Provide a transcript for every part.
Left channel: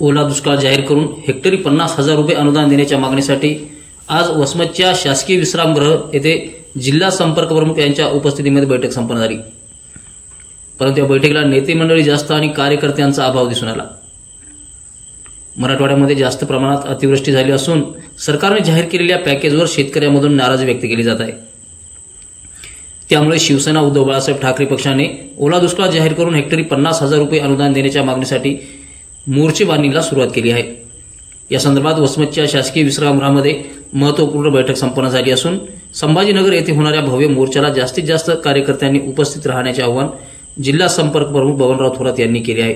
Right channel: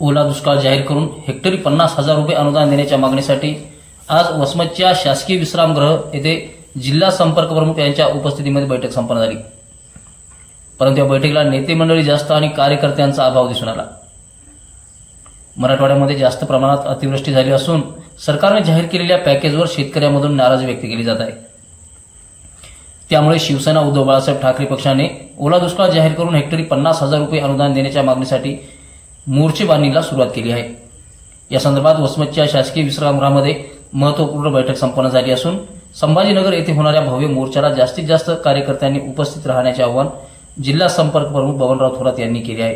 ओला दुष्काळ जाहीर करून हेक्टरी 50,000 रुपये अनुदान देण्याच्या मागणीसाठी आज वसमतच्या शासकीय विश्रामगृह येथे जिल्हा संपर्क प्रमुख यांच्या उपस्थितीमध्ये बैठक संपन्न झाली। परंतु या बैठकीला नेते मंडळी जास्त आणि कार्यकर्त्यांचा अभाव दिसून आला। मराठवाड्यामध्ये जास्त प्रमाणात अतिवृष्टी झाली असून सरकारने जाहीर केलेल्या पॅकेजवर शेतकऱ्यांमधून नाराजी व्यक्त केली जात आहे। त्यामुळे शिवसेना उद्धव बाळासाहेब ठाकरे पक्षाने ओला दुष्काळ जाहीर करून हेक्टरी 50,000 रुपये अनुदान देण्याच्या मागणीसाठी मोर्चेबांधणीला सुरुवात केली आहे। या संदर्भात वसमतच्या शासकीय विश्रामगृहामध्ये महत्त्वपूर्ण बैठक संपन्न झाली असून संभाजीनगर येथे होणाऱ्या भव्य मोर्चाला जास्तीत जास्त कार्यकर्त्यांनी उपस्थित राहण्याचे आवाहन जिल्हा संपर्क प्रमुख बबनराव थोरात यांनी केले आहे।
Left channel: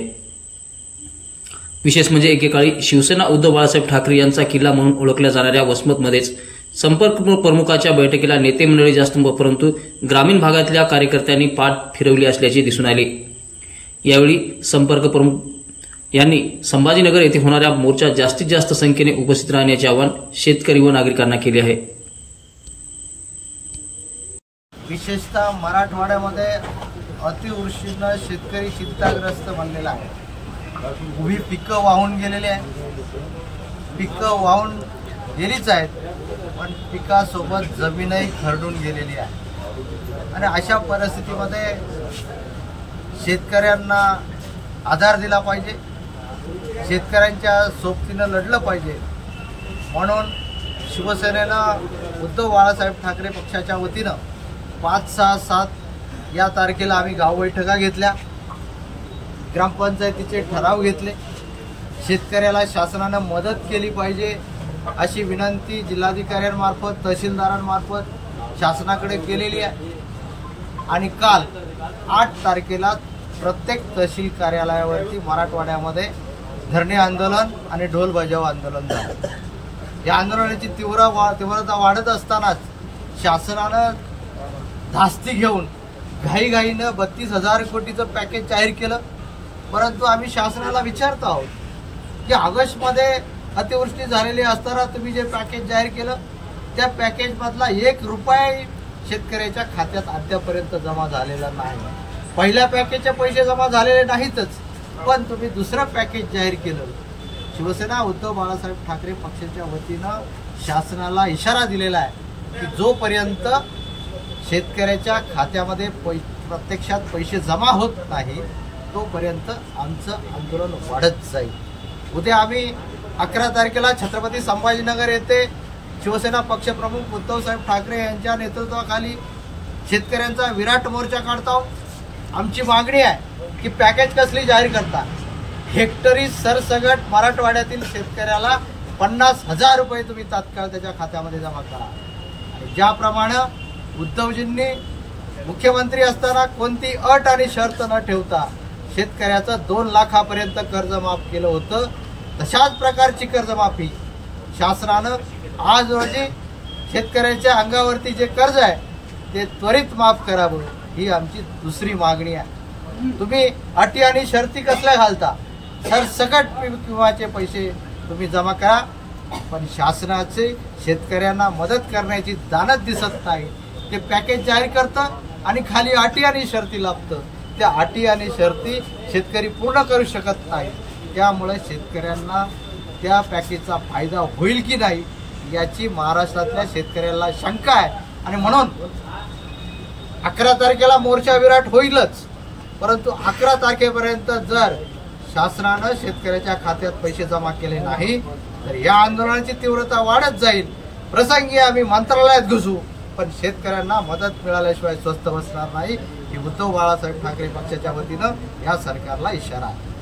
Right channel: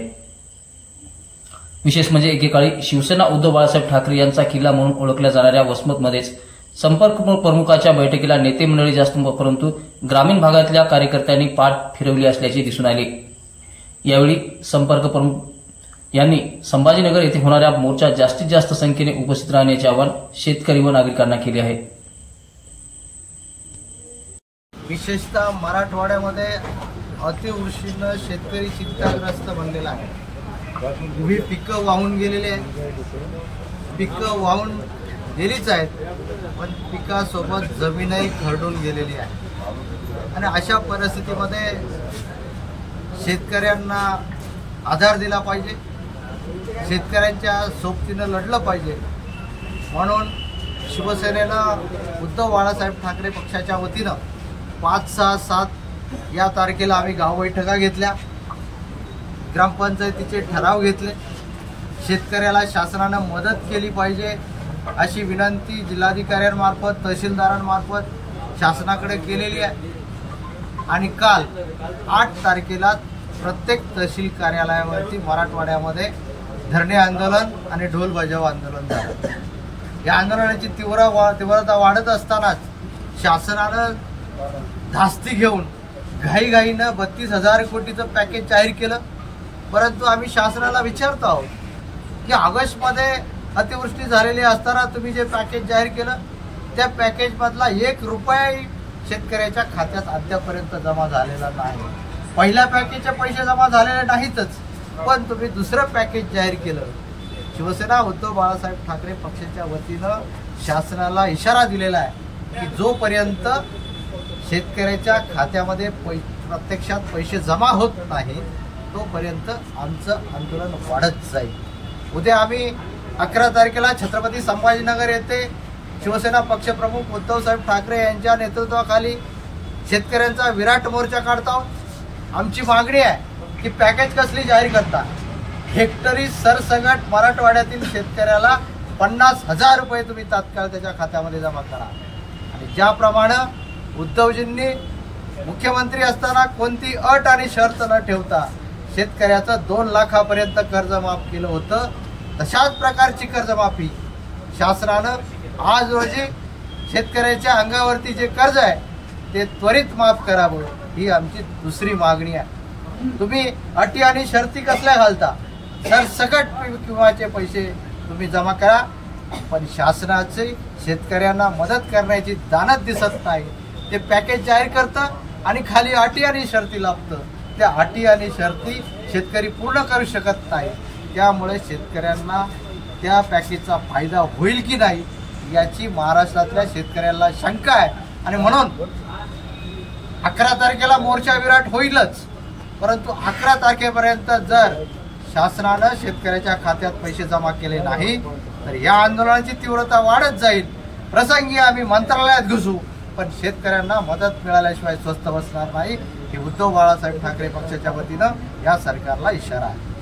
विशेष म्हणजे एकेकाळी शिवसेना उद्धव बाळासाहेब ठाकरे यांचा किल्ला म्हणून ओळखल्या जाणाऱ्या वसमतमध्येच संपर्क प्रमुखाच्या बैठकीला नेते मंडळी जास्त परंतु ग्रामीण भागातल्या कार्यकर्त्यांनी पाठ फिरवली असल्याचे दिसून आले। यावेळी संपर्क प्रमुख यांनी संभाजीनगर येथे होणाऱ्या मोर्चात जास्तीत जास्त संख्येने उपस्थित राहण्याचे आवाहन शेतकरी व नागरिकांना केले आहे। विशेषतः मराठवाड्यामध्ये अतिवृष्टीने शेतकरी चिंताग्रस्त बनलेला आहे। उभी पिकं वाहून गेलेली आहेत, पिकं वाहून गेलीच आहेत, पण पिकासोबत जमीनही खरडून गेलेली आहे। आणि अशा परिस्थितीमध्ये शेतकऱ्यांना आधार दिला पाहिजे, शेतकऱ्यांच्या सोबतीनं लढलं पाहिजे। म्हणून शिवसेनेनं उद्धव बाळासाहेब ठाकरे पक्षाच्या वतीनं 5, 6, 7 या तारखेला आम्ही गाव बैठका घेतल्या, ग्रामपंचायतीचे ठराव घेतले। शेतकऱ्याला शासनानं मदत केली पाहिजे अशी विनंती जिल्हाधिकाऱ्यांमार्फत तहसीलदारांमार्फत शासनाकडे केलेली आहे। आणि काल 8 तारखेला प्रत्येक तहसील कार्यालयावरती मराठवाड्यामध्ये धरणे आंदोलन आणि ढोल बजाव आंदोलन झालं। या आंदोलनाची तीव्रता वाढत असतानाच शासनानं धास्ती घेऊन घाईघाईनं 32,000 कोटीचं पॅकेज जाहीर केलं। परंतु आम्ही शासनाला विचारतो आहोत की ऑगस्टमध्ये अतिवृष्टी झालेली असताना तुम्ही जे पॅकेज जाहीर केलं त्या पॅकेजमधला 1 रुपया शेतकऱ्याच्या खात्यात अद्यापर्यंत जमा झालेला नाही। पहिल्या पॅकेजचे पैसे जमा झालेले नाहीतच, पण तुम्ही दुसरं पॅकेज जाहीर केलं। शिवसेना उद्धव बाळासाहेब ठाकरे पक्षाच्या वतीनं शासनाला इशारा दिलेला आहे की जोपर्यंत शेतकऱ्याच्या खात्यामध्ये प्रत्यक्षात पैसे जमा होत नाही तोपर्यंत आमचं आंदोलन वाढत जाईल। उद्या आम्ही 11 तारखेला छत्रपती संभाजीनगर येथे शिवसेना पक्षप्रमुख उद्धवसाहेब ठाकरे यांच्या नेतृत्वाखाली शेतकऱ्यांचा विराट मोर्चा काढत आहोत। आमची मागणी आहे की पॅकेज कसली जाहीर करता, हेक्टरी सरसगट मराठवाड्यातील शेतकऱ्याला 50,000 रुपये तुम्ही तात्काळ त्याच्या खात्यामध्ये जमा करा। आणि ज्याप्रमाणे उद्धवजींनी मुख्यमंत्री असताना कोणती अट आणि शर्त न ठेवता शेतकऱ्याचं 2 लाखापर्यंत कर्ज माफ केलं होतं, तशाच प्रकारची कर्जमाफी शासनानं आज रोजी शेतकऱ्याच्या अंगावरती जे कर्ज आहे ते त्वरित माफ करावं ही आमची दुसरी मागणी आहे। तुम्ही अटी आणि शर्ती कसल्या घालता, सरसकट विम्याचे पैसे तुम्ही जमा करा, पण शासनाचे शेतकऱ्यांना मदत करण्याची दानत दिसत नाही। ते पॅकेज जाहीर करतं आणि खाली अटी आणि शर्ती लावतं, त्या अटी आणि शर्ती शेतकरी पूर्ण करू शकत नाही। त्यामुळे शेतकऱ्यांना त्या पॅकेजचा फायदा होईल की नाही याची महाराष्ट्रातल्या शेतकऱ्याला शंका आहे। आणि म्हणून 11 तारखेला मोर्चा विराट होईलच, परंतु 11 तारखेपर्यंत जर शासनानं शेतकऱ्याच्या खात्यात पैसे जमा केले नाही तर या आंदोलनाची तीव्रता वाढत जाईल। प्रसंगी आम्ही मंत्रालयात घुसू, पण शेतकऱ्यांना मदत मिळाल्याशिवाय स्वस्थ बसणार नाही ही उद्धव बाळासाहेब ठाकरे पक्षाच्या वतीनं या सरकारला इशारा आहे।